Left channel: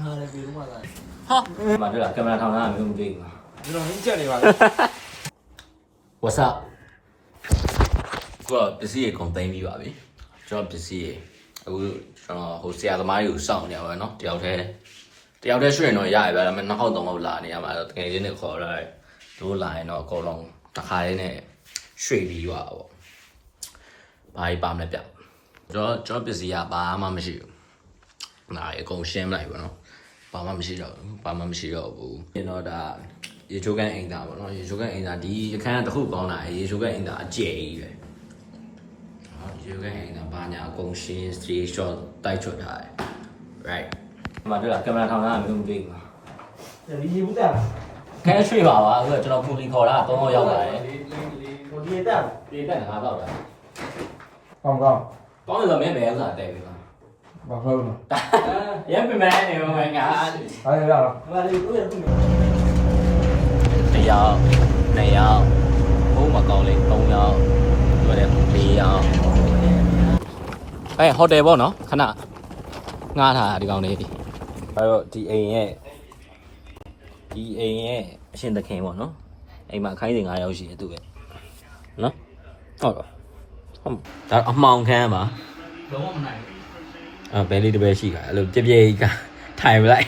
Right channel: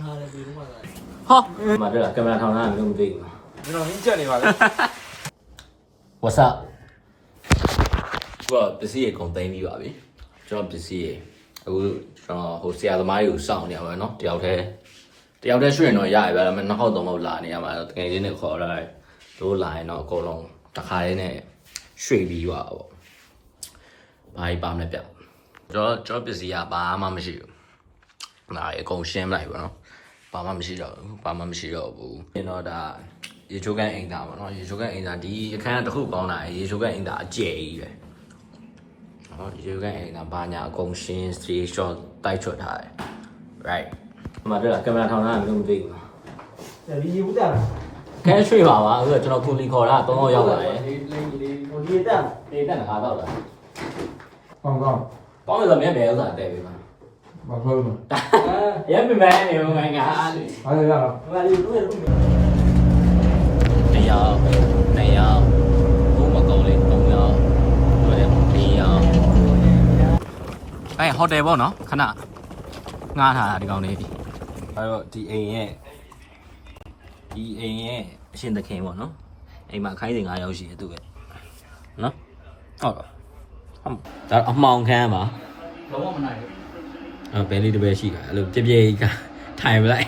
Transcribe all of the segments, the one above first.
နားလည်းပြီးတော့မှလာဟာမတွေ့လားကင်မရာထောင်ထားတာမျိုးမသိဘူးလားကျွန်တော်ဟင်းချက်နေပါလေ What's up ကိုပစ္စည်းရေကုန်သိမ်းပြီးပါပြီကျွန်တော်ပစ္စည်းရေအခုကျွန်တော်ဟိုဆရာသမားကြီးကိုစောင့်နေရပါမယ်နော်တယောက်တည်းရွှေ့တော့ရရပါဒါပေမဲ့နှစ်ခေါက်သုံးခေါက်လာနေရမှာတော့တကယ်ချင်းနဲ့ခေါ်လာတို့လာရင်တော့အကုန်လုံးတစ်ခါလေးနဲ့ရွှေ့ပြီးသွားပါဘာကြီးပါမလဲပြကျွန်တော်ပစ္စည်းကဘာမှမရှိဘူးဒါအကုန်ရှင်းလိုက်ပါနော်ဘာမှမရှိတော့ဘူးကျွန်တော်ဒါရေချိုးကန်အင်တာပေါ့နော်ရေချိုးကန်အင်တာဒီအခန်းတစ်ခုပေါင်းလာရေချိုးကန်အင်တာအကျယ်ကြီးပဲဟောရေချိုးကန်အင်တာဘာညာအကုန်ရှင်း straight shot တိုက်ချွတ်ထားတယ် right ဒီမှာတွေ့လားကင်မရာထောင်ထားတာမျိုးမသိဘူးလားဒီရေဘူးတာခဲရွှေ့ပါအခုကျွန်တော်ခုလီခေါ်တာ3ယောက်ရောက်လာတယ်ဟိုရေတက်ငါတော့တာကောင်းပေါင်းလို့မင်းဘယ်ဥစ္စာတဲပေးပါဘာလို့လဲရမ်းပြမဲနေမှာငါအားရရဘာလို့လဲတရား2ယောက်ဘုံမကောင်းလေး3ယောက်4ယောက်ဟိုတယ်ပေါ့နော်ခဏငားထားဒီကောင်လေးအဲ့တော့ဒီအိမ်ရဲ့အရှင်သခင်ပေါ့နော်အိမ်မှာခိုင်းစဉ်9ယောက်ရှိတယ်သူပဲနော်ဟုတ်ပါဒါအမှောင်ခန်းပါလုံးဝမနိုင်ဘူးဘယ်လေးတစ်ပဲရှိပါအဲ့လိုပြပြကြီးကထိုင်မလိုက်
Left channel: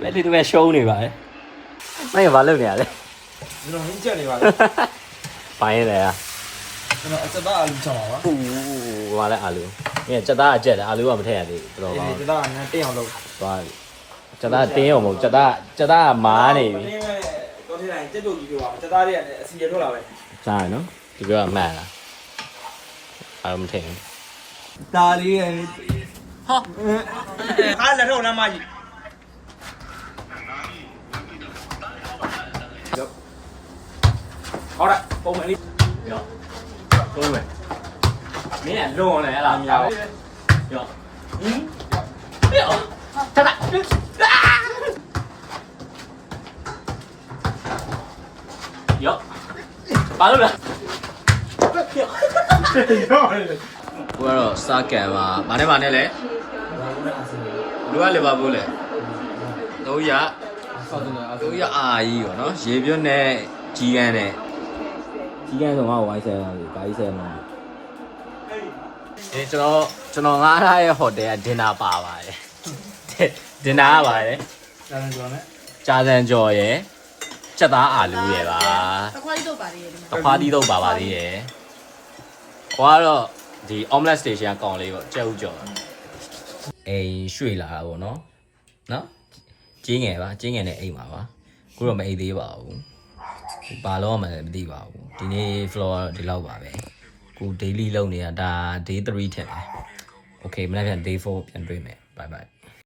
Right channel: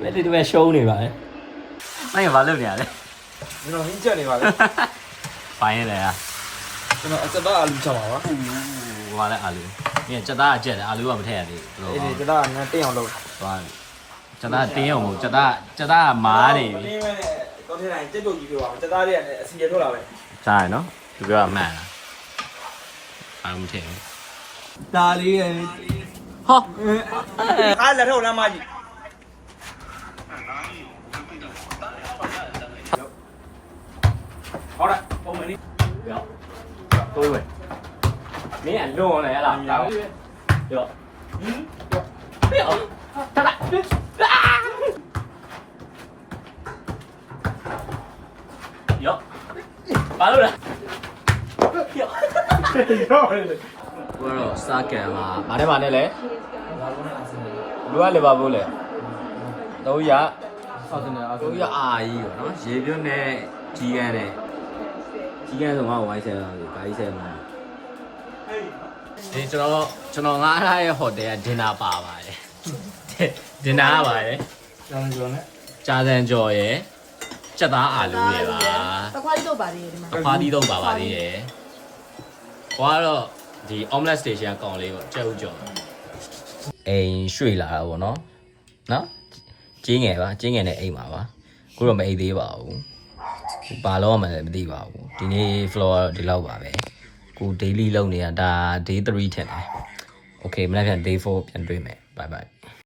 ဘယ်လေးတစ်ပဲရှုံးနေပါလေမင်းဘာလုပ်နေရလဲကျွန်တော်ဟင်းချက်နေပါလေပိုင်းလေကျွန်တော်အစသားအာလူချောင်းပါပါဟိုကလည်းအာလူမင်းစက်သားအကျက်တယ်အာလူကမထည့်ရသေးဘူးဘယ်လိုပါစက်သားကငါတင်းအောင်လုပ်သွားစက်သားတင်းအောင်မဟုတ်စက်သားကမားနေပြီတင်းမဲ့တော့ထဲတိုင်းကြက်ပြုတ်ကြီးပြောပါစက်သားတွေကလည်းအစီရထွက်လာပဲကြားရနော်ဒီကမှန်လားအားမထင်ဒါလေးရဲ့ဟာအားလက်ထောက်နားမကြီး好了，ပုံမှန်လေးရောတိုးမယ်မင်းကလွန်လေအဲ့လားမြောက်ရောဟင်းရောတတ်ရောဘာလို့လဲရောဘယ်တော့စကန်မှာဘာနဲ့လဲလူကလေပါဘူးလေ300ဆောက်တင်တာ300အာကြီးပေါ့နော်ရေပြွတ်နဲ့ကြီးကန်းနဲ့ကြီးကန်းဆိုတော့ဝိုင်းဆယ်လာပြီဘာကြီးဆယ်မှာဒီကျွန်တော်ငားထားရဲ့ဟိုတယ်ကဒင်နာပါပါတယ်ဒင်နာပါပါတယ်ကြာစံကျော်ရယ်စက်သားအာလူရယ်ပါတခွားကြီးတော့ပါလေဒီမှာတခွားကြီးတော့ပါသေးတယ်ဟိုကတော့ဒီ omelet station ကကောင်လေးပေါ့ကြက်ဥကျော်အိမ်ရွှေ့လာတာပေါ့နော်ကျင်းငယ်နဲ့အိမ်ပါပါခုတော့မအိမ်သေးပါဘူးဘာလို့မှလည်းမသိပါဘူးဒီနေ့ floor ဒီလောက်ပါပဲကို daily လုပ်နေတာဒါ day 3ထင်တယ် okay မနေ့က day 4ပြန်တွေ့မယ် bye bye